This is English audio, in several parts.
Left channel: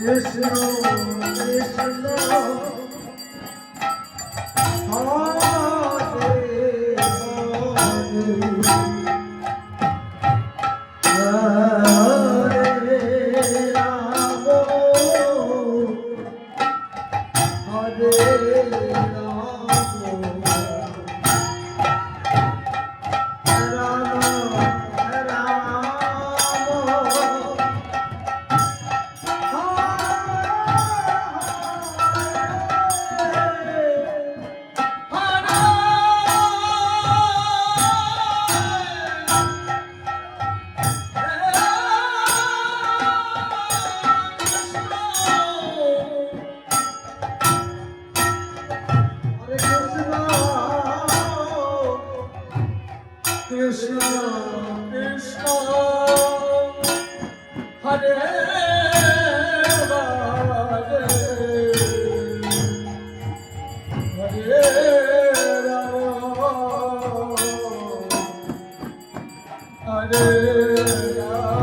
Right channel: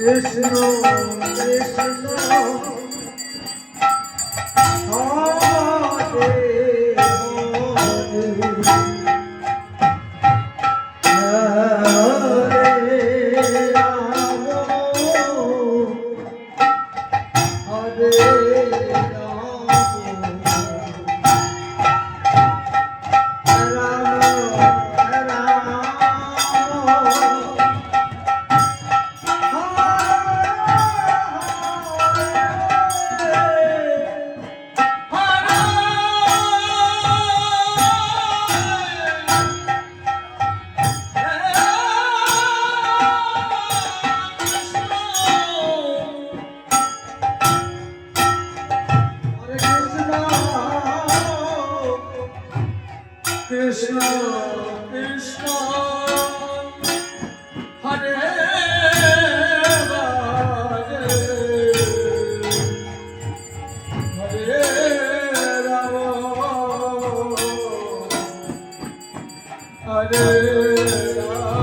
কৃষ্ণ কৃষ্ণ হরে হরে রাম হরে কৃষ্ণ কৃষ্ণ হরে হরে হরে রাম হরে রাম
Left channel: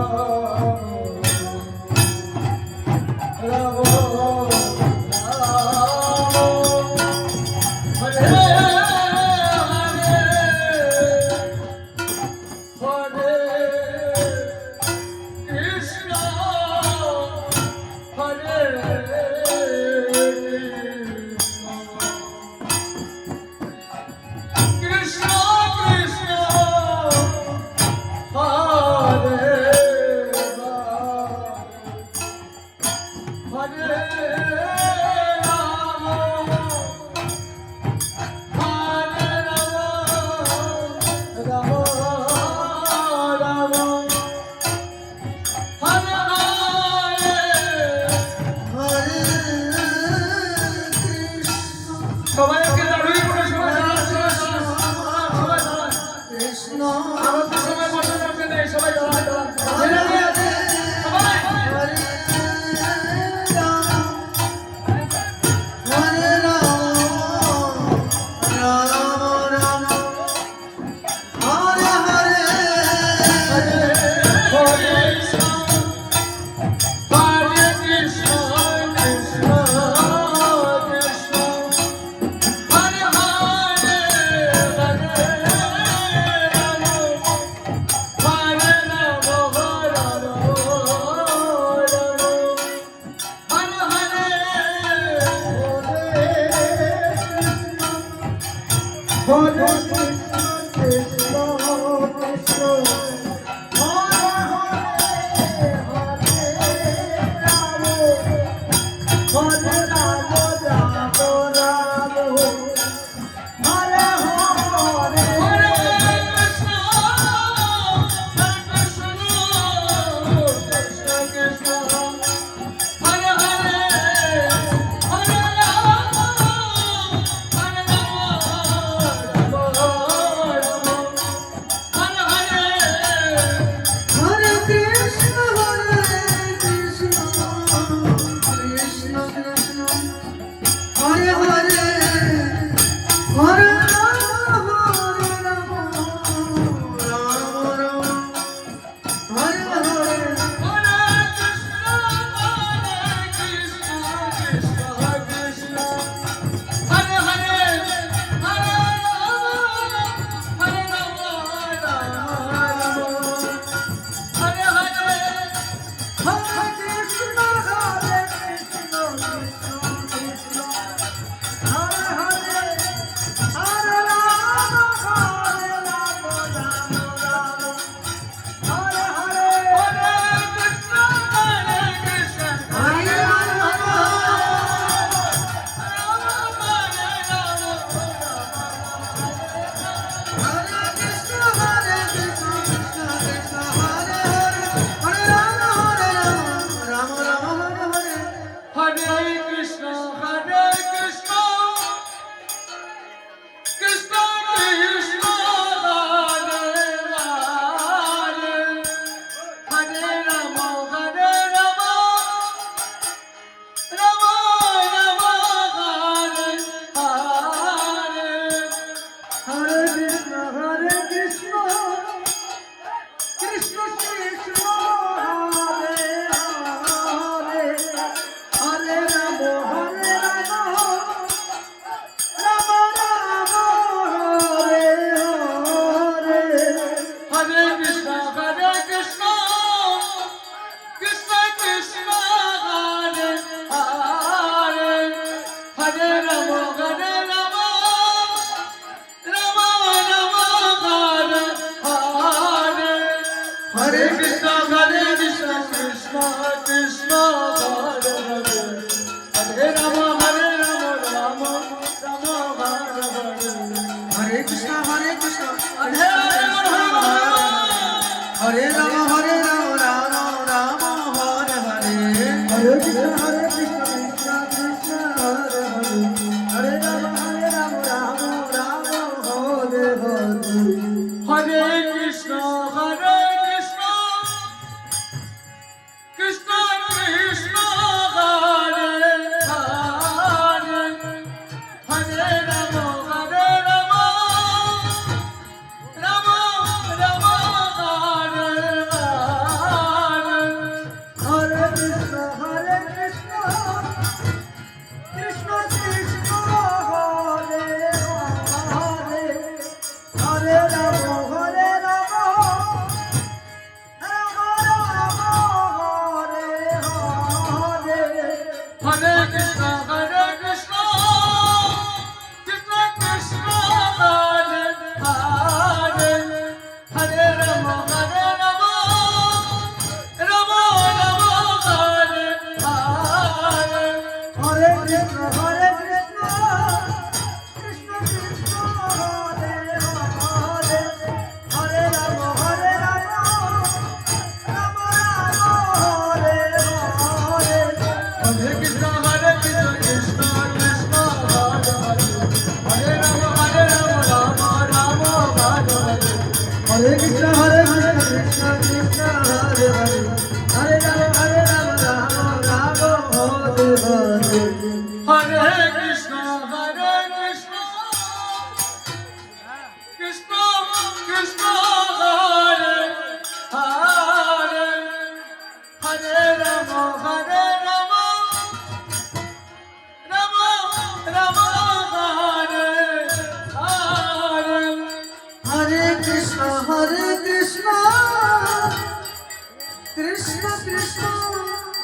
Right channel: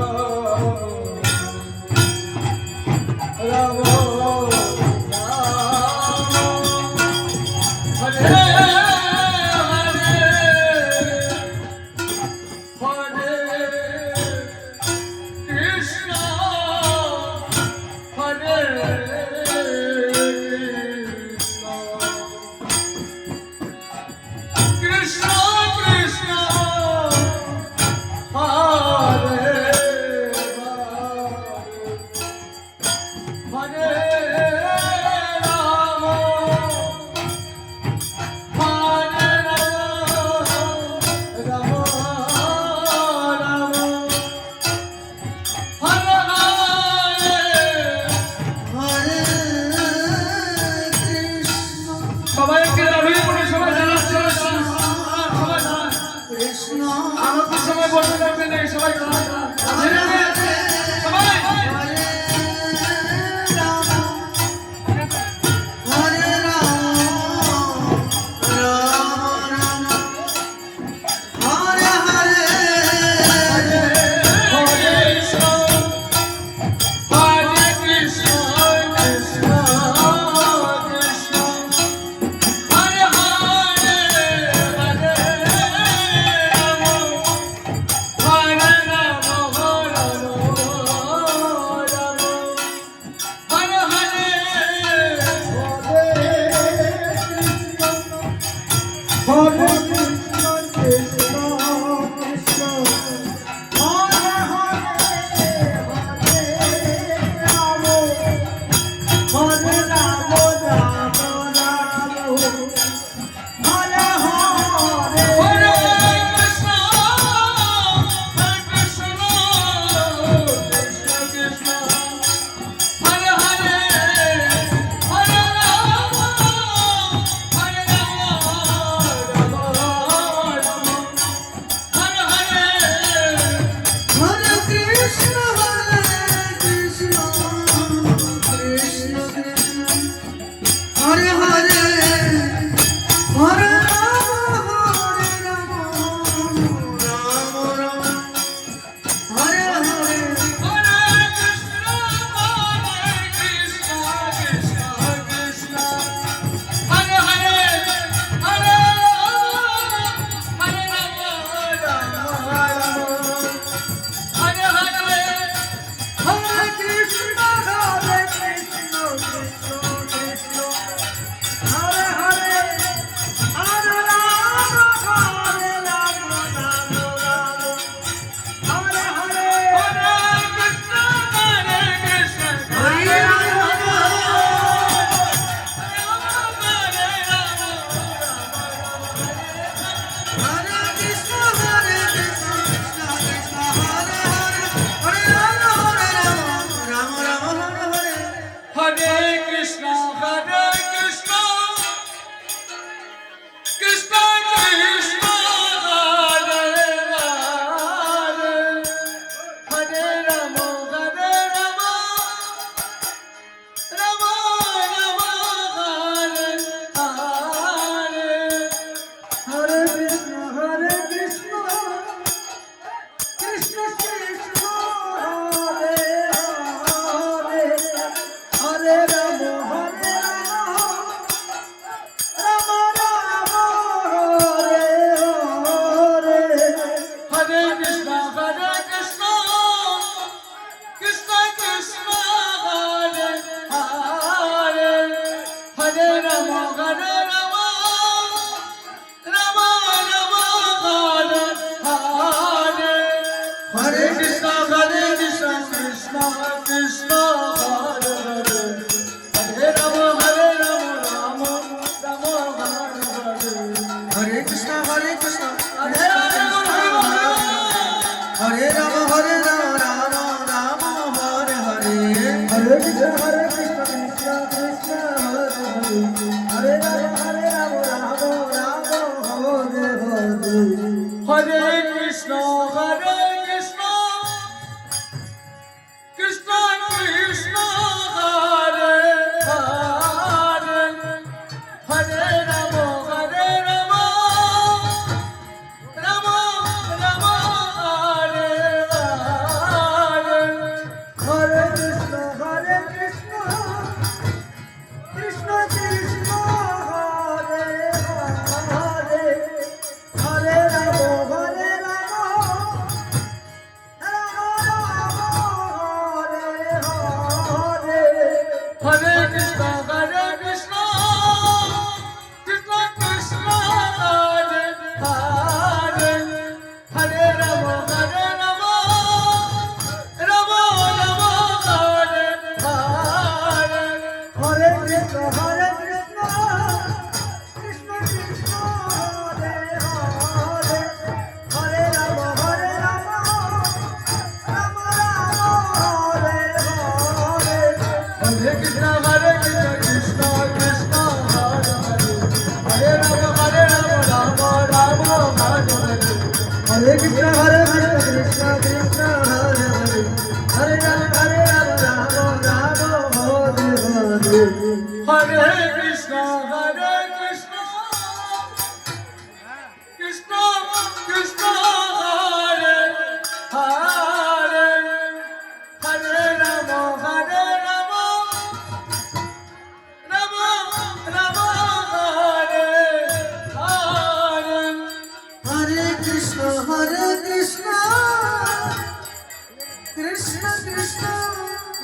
কৃষ্ণ কৃষ্ণ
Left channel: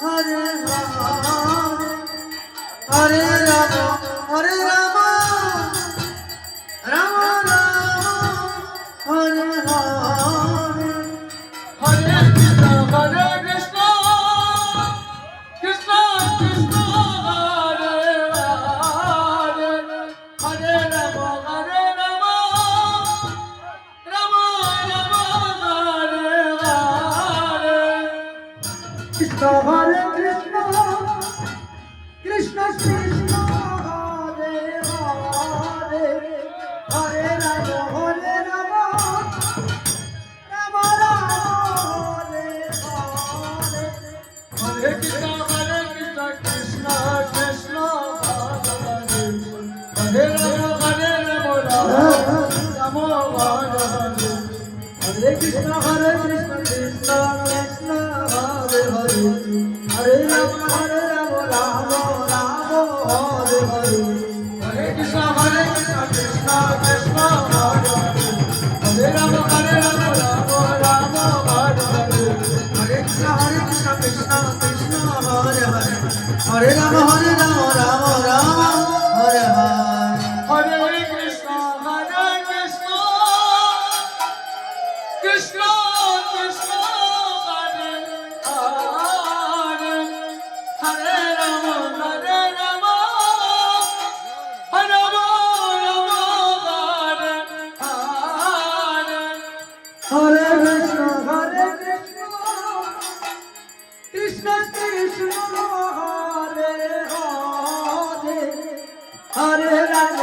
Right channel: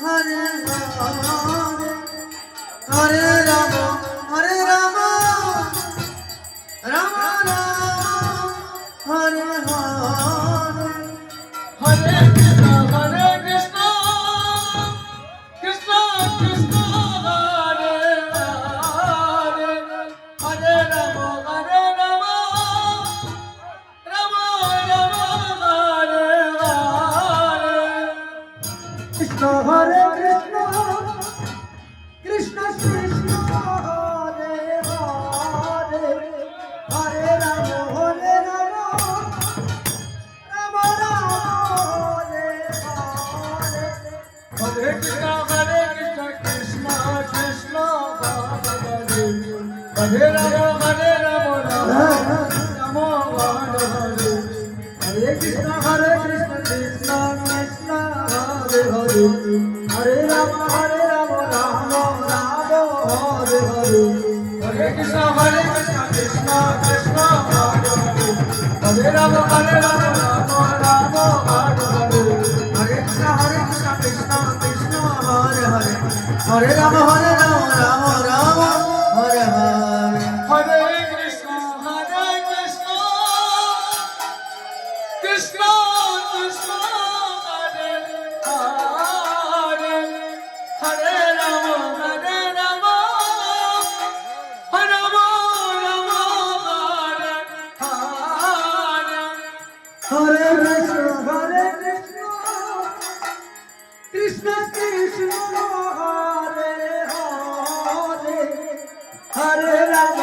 হরে হরে হরে রাম হরে Ram Ram Ram Hare Hare Hare Krishna, Hare Krishna, Krishna Krishna, Hare Hare, Hare Rama, Hare Rama, Rama Rama, Hare Hare. Krishna হরে কৃষ্ণ কৃষ্ণ কৃষ্ণ হরে হরে হরে রাম হরে Ram Ram Ram Hare Hare Hare Krishna, Krishna Krishna, Hare Hare, Hare Rama, Rama Rama, Hare Hare. हरे Krishna Krishna Krishna Hare Hare Hare Ram Ram Ram Hare Hare Hare Krishna, Krishna Krishna, Hare Rama, Rama Rama, Hare Hare. हरे Krishna Krishna Krishna Hare Hare Hare Ram Ram Ram Hare Hare Hare Krishna, Krishna Krishna, Hare Hare, Hare Rama, Rama, Hare Rama, Hare Hare. Krishna Krishna Hare Hare Hare Ram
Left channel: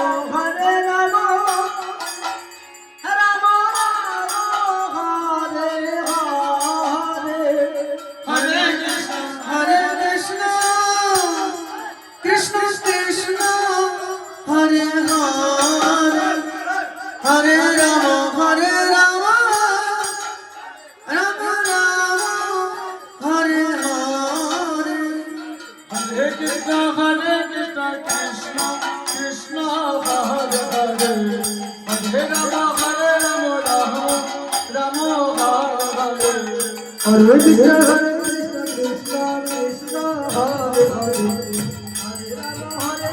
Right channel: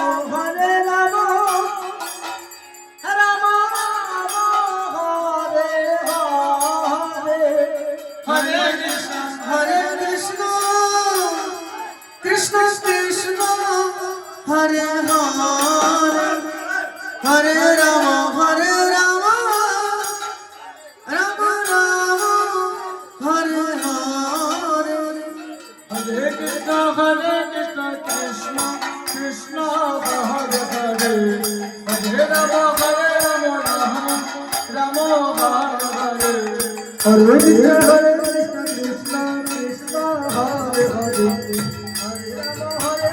Ram Ram Hare Hare Hare Krishna, हरे Krishna Krishna Krishna Hare Hare Hare Ram Ram Ram Hare Hare Hare Krishna, Krishna Krishna, Hare Hare, Hare Rama, Rama Rama, Hare Hare. हरे Krishna Krishna Krishna Hare Hare Hare Ram Ram Hare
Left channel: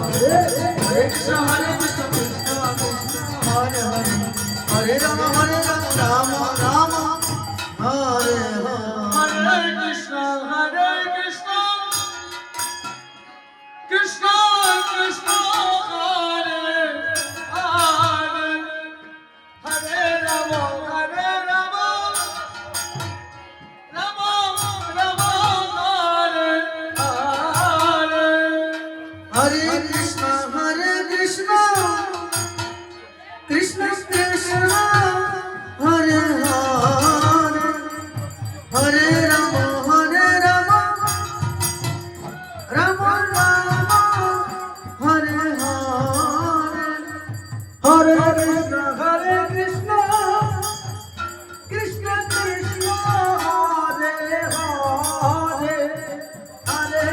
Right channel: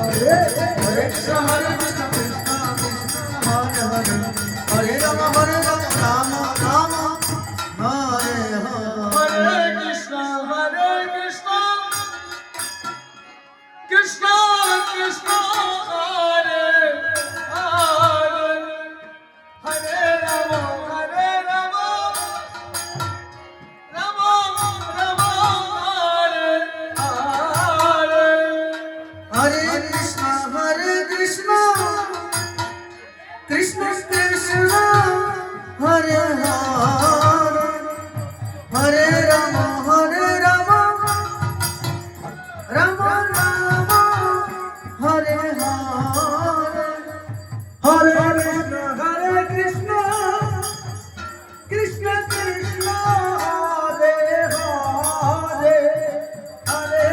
Hare Hare Krishna, Krishna Hare Hare Hare Ram Ram Ram Hare Hare Hare Krishna, Krishna Krishna, Hare Hare, Hare Rama, Rama Rama, Hare Hare. हरे कृष्ण कृष्ण कृष्ण हरे हरे हरे राम राम राम हरे हरे हरे कृष्ण कृष्ण कृष्ण हरे हरे हरे राम हरे कृष्ण कृष्ण कृष्ण हरे हरे हरे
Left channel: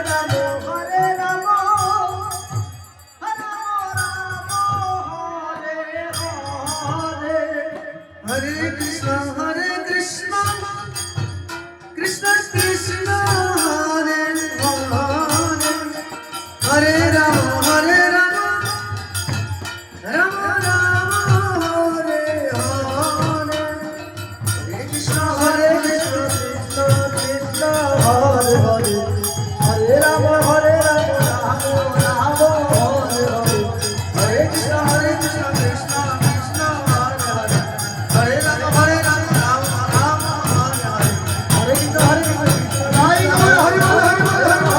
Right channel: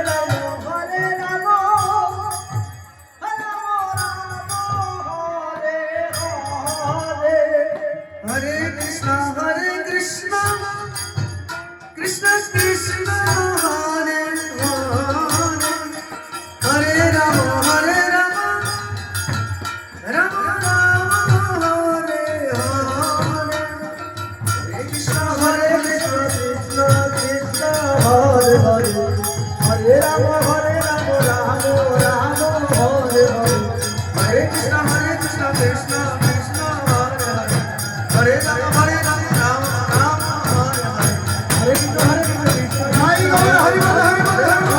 राम राम राम हरे हरे हरे कृष्ण कृष्ण कृष्ण हरे हरे हरे राम राम राम हरे हरे हरे कृष्ण कृष्ण कृष्ण हरे हरे हरे राम राम हरे हरे हरे कृष्ण कृष्ण हरे हरे हरे राम हरे हरे कृष्ण कृष्ण हरे हरे हरे राम राम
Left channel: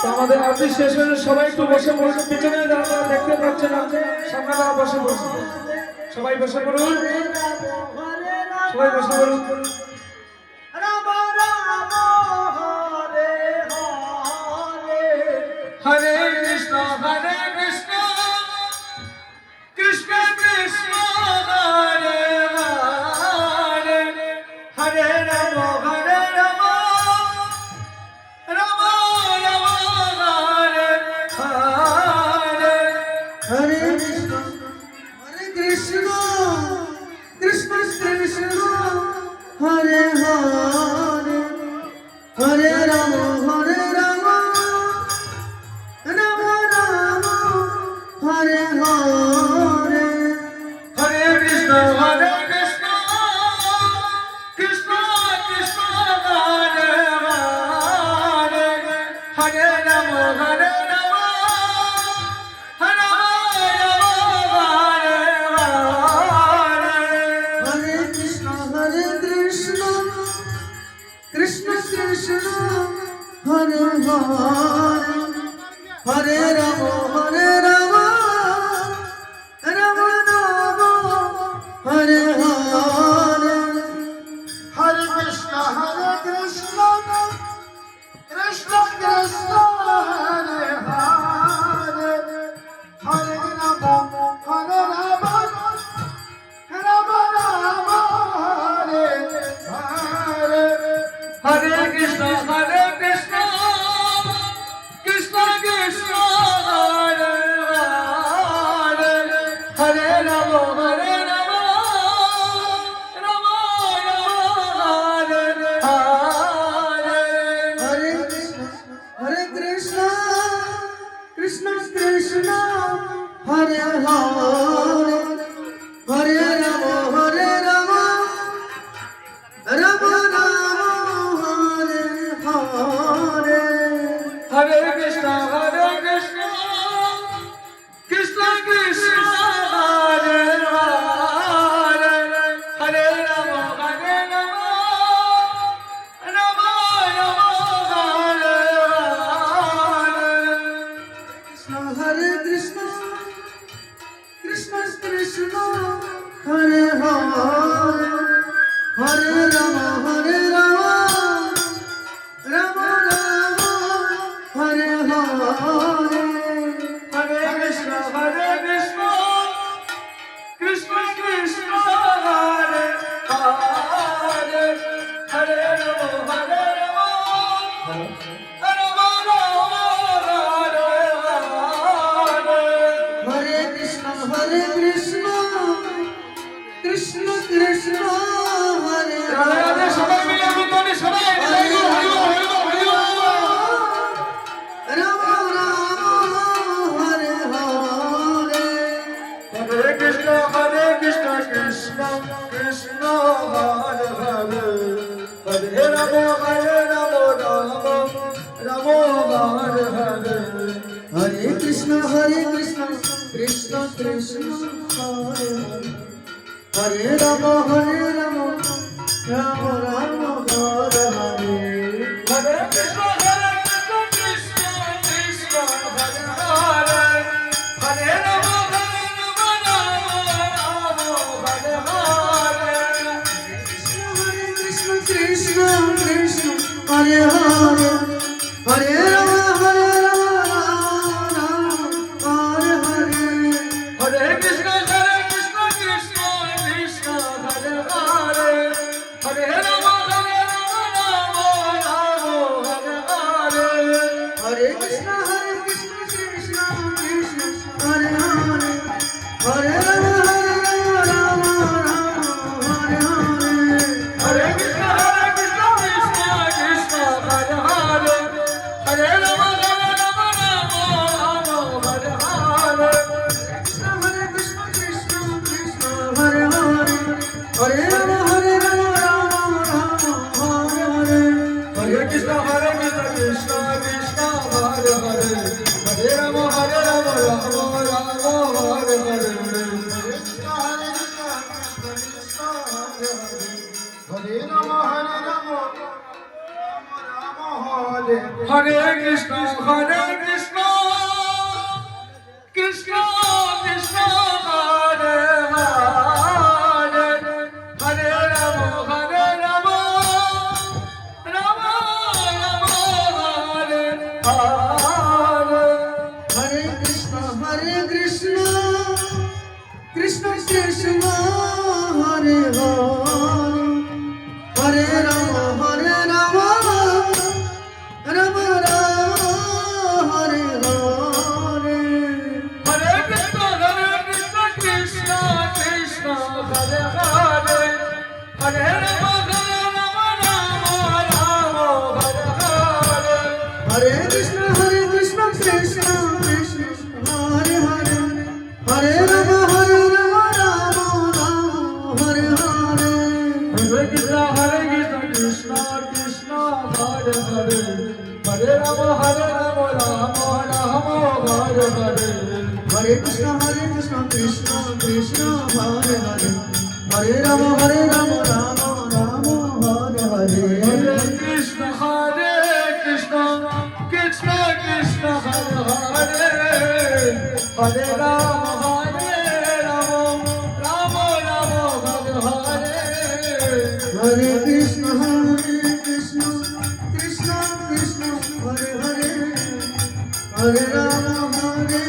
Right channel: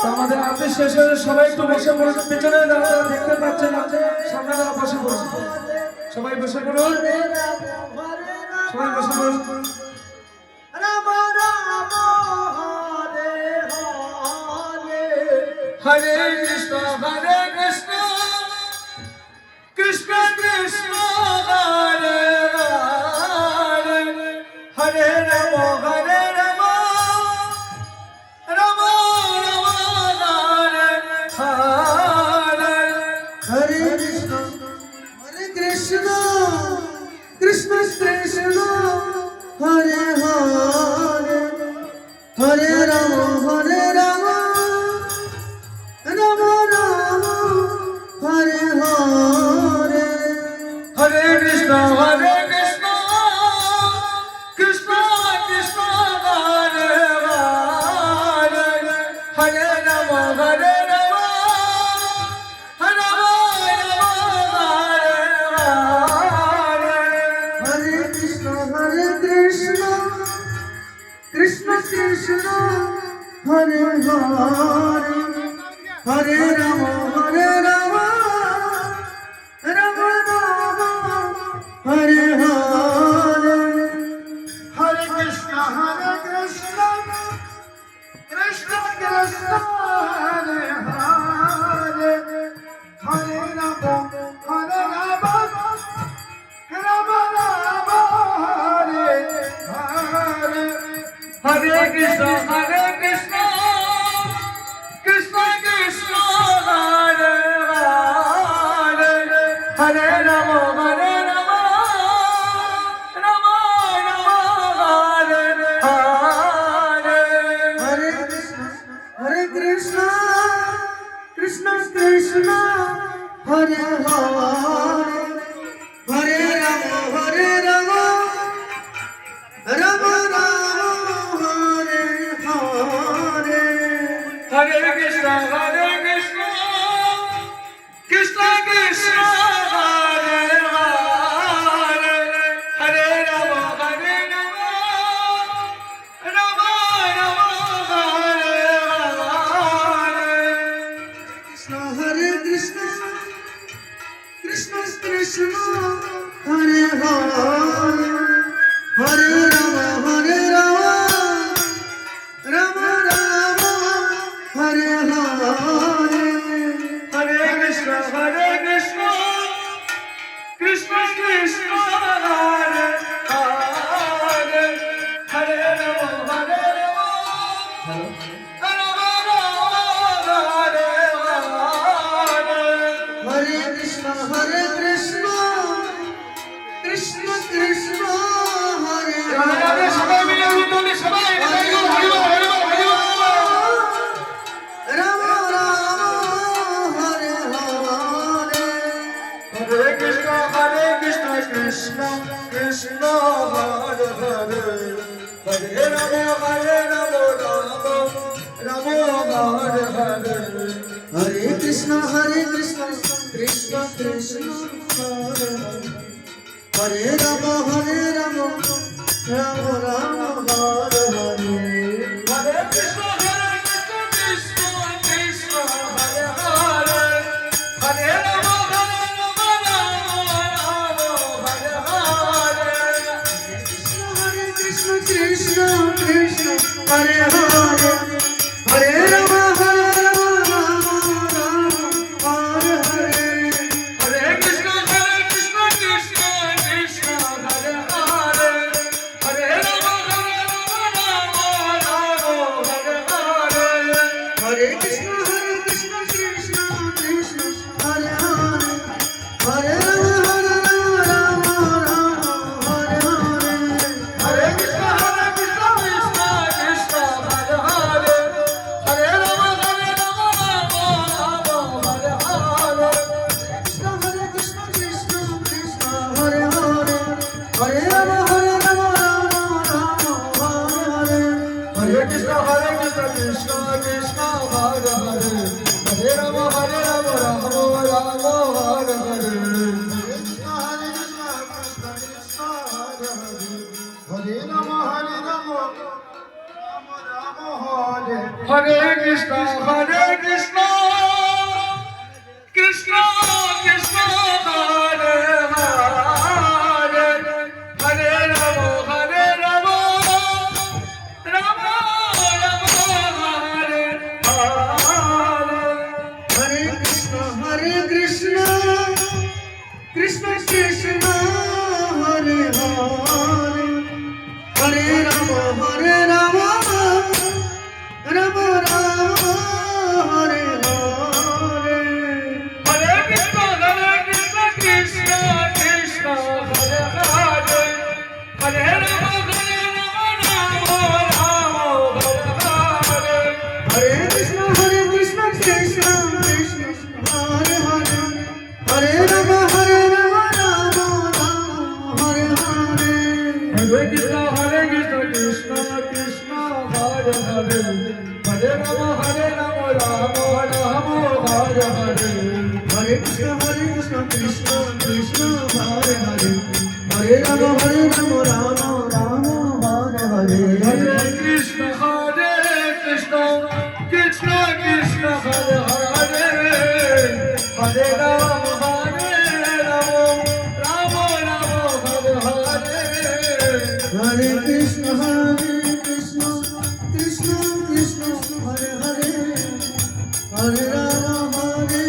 তো আমাদের আরতি শেষ হয়ে সবাই একটু বসে পড়ুন, পিছনে যারা দেখতে পাচ্ছেন না সামনে যারা বসে পড়ুন, সবাই বসে পড়ুন, সবাই বসে পড়ুন। Ram Ram Hare Hare Hare Krishna, Krishna Krishna, Hare Hare, Hare Rama, Rama Rama, Hare Hare. Hare Krishna, Krishna Krishna, Hare Hare, Hare Rama, Rama Rama, Hare Hare. Hare Krishna, Krishna Krishna, Hare Hare, Hare Rama, Rama Rama, Hare Hare. Hare Krishna, Krishna Krishna, Hare Hare, Hare Rama, Rama Rama, Hare Hare. Hare Krishna, Krishna Krishna, Hare Hare, Hare Rama, Rama Rama, Hare Hare. Hare Krishna, Krishna Krishna, Hare Hare, Hare Rama, Rama Rama, Hare Hare. Hare Krishna, Krishna Krishna, Hare Hare, Hare Rama, Rama Rama, Hare Hare. Hare Krishna, Krishna Krishna, Hare Hare, Hare Rama, Rama Rama, Hare Hare. Hare Krishna, Krishna Krishna, Hare Hare, Hare Rama, Rama Rama, Hare Hare. Hare Krishna, Krishna Krishna, Hare Hare, Hare Rama, Rama Rama, Hare Hare. Hare Krishna, Krishna Krishna, Hare Radhe Hare. সবাই মিলে উদ্যোগে সবাই হরি বল, হরি বল, হরি বল, হরি বল। Rama Rama, Hare Hare. Hare Krishna, Krishna Krishna, Hare Hare, Hare Rama, Rama Hare Hare. Hare Krishna, Krishna Krishna, Hare Hare. Hare Rama, Rama Rama, Hare Hare. Hare Krishna, Krishna Krishna, Hare Hare, Hare Rama, Rama Hare Hare. Hare Krishna, Krishna Krishna, Hare Hare. Hare Rama, Rama Hare Hare. Hare Krishna, Krishna Krishna, Hare Hare, Hare Rama, Rama হরে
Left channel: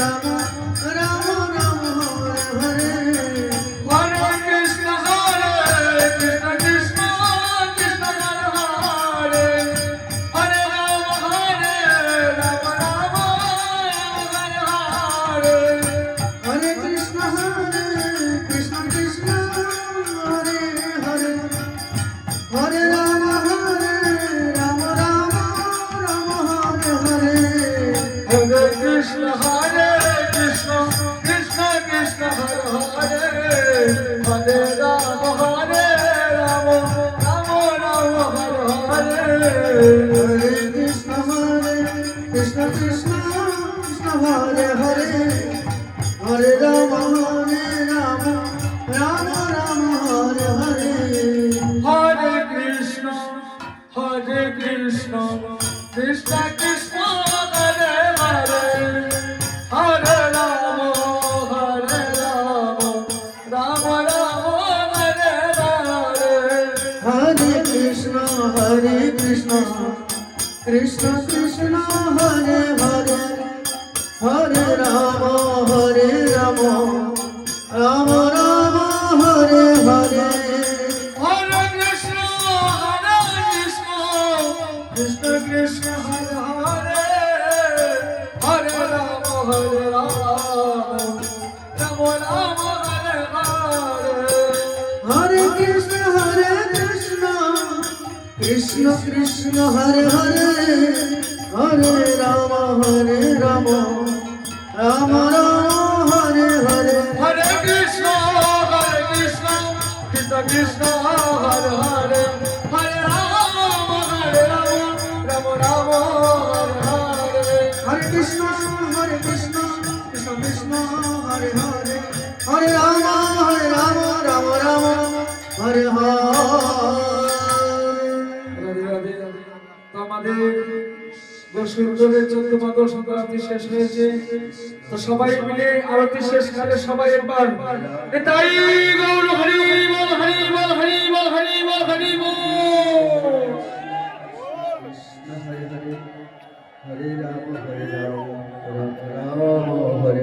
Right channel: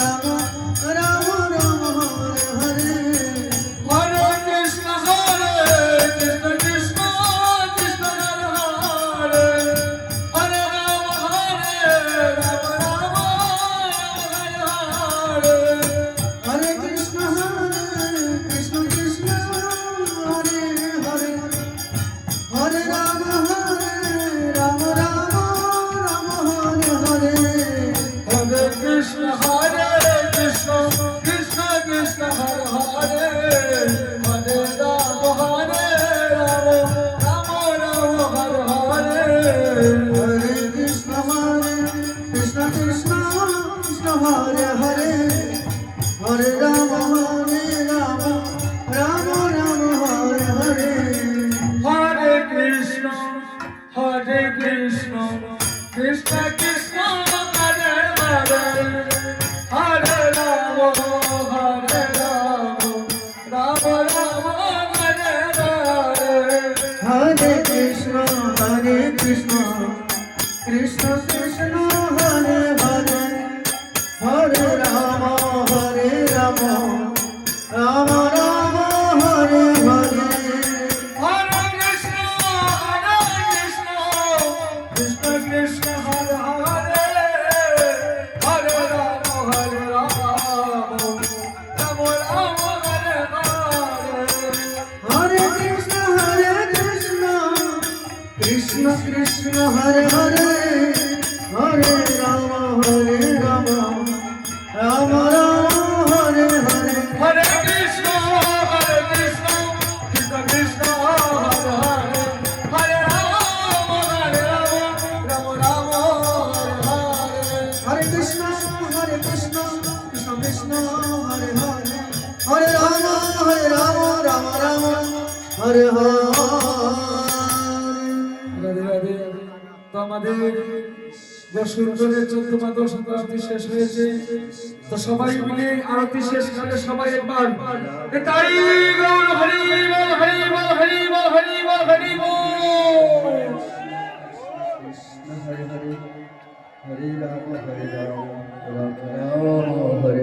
রাম রাম রাম হরে হরে হরে কৃষ্ণ কৃষ্ণ কৃষ্ণ কৃষ্ণ হরে হরে রাম রাম হরে হরে কৃষ্ণ কৃষ্ণ কৃষ্ণ হরে হরে হরে রাম রাম রাম হরে হরে হরে কৃষ্ণ কৃষ্ণ কৃষ্ণ কৃষ্ণ হরে হরে হরে রাম রাম রাম হরে হরে হরে কৃষ্ণ কৃষ্ণ কৃষ্ণ কৃষ্ণ হরে হরে হরে রাম রাম রাম হরে হরে হরে কৃষ্ণ কৃষ্ণ কৃষ্ণ কৃষ্ণ হরে হরে হরে রাম রাম রাম হরে হরে হরে কৃষ্ণ কৃষ্ণ কৃষ্ণ হরে হরে হরে রাম রাম রাম হরে হরে হরে কৃষ্ণ কৃষ্ণ কৃষ্ণ হরে হরে হরে রাম রাম রাম হরে হরে হরে কৃষ্ণ কৃষ্ণ কৃষ্ণ হরে হরে হরে রাম রাম রাম হরে হরে হরে কৃষ্ণ কৃষ্ণ কৃষ্ণ হরে হরে হরে রাম রাম হরে হরে হরে কৃষ্ণ কৃষ্ণ কৃষ্ণ হরে হরে হরে রাম রাম রাম হরে হরে রাধে রাধে। তো আমাদের বসন্তরের 14 মাস বসন্ত আরতি শেষ হয়েছে। তো সবাই মিলে আরতি শেষ করে সবাই একবার এটাই গৌর হরি বল হরি বল হরি বল হরি বল হরি বল। হরে হরে হরে রাম রাম রাম হরে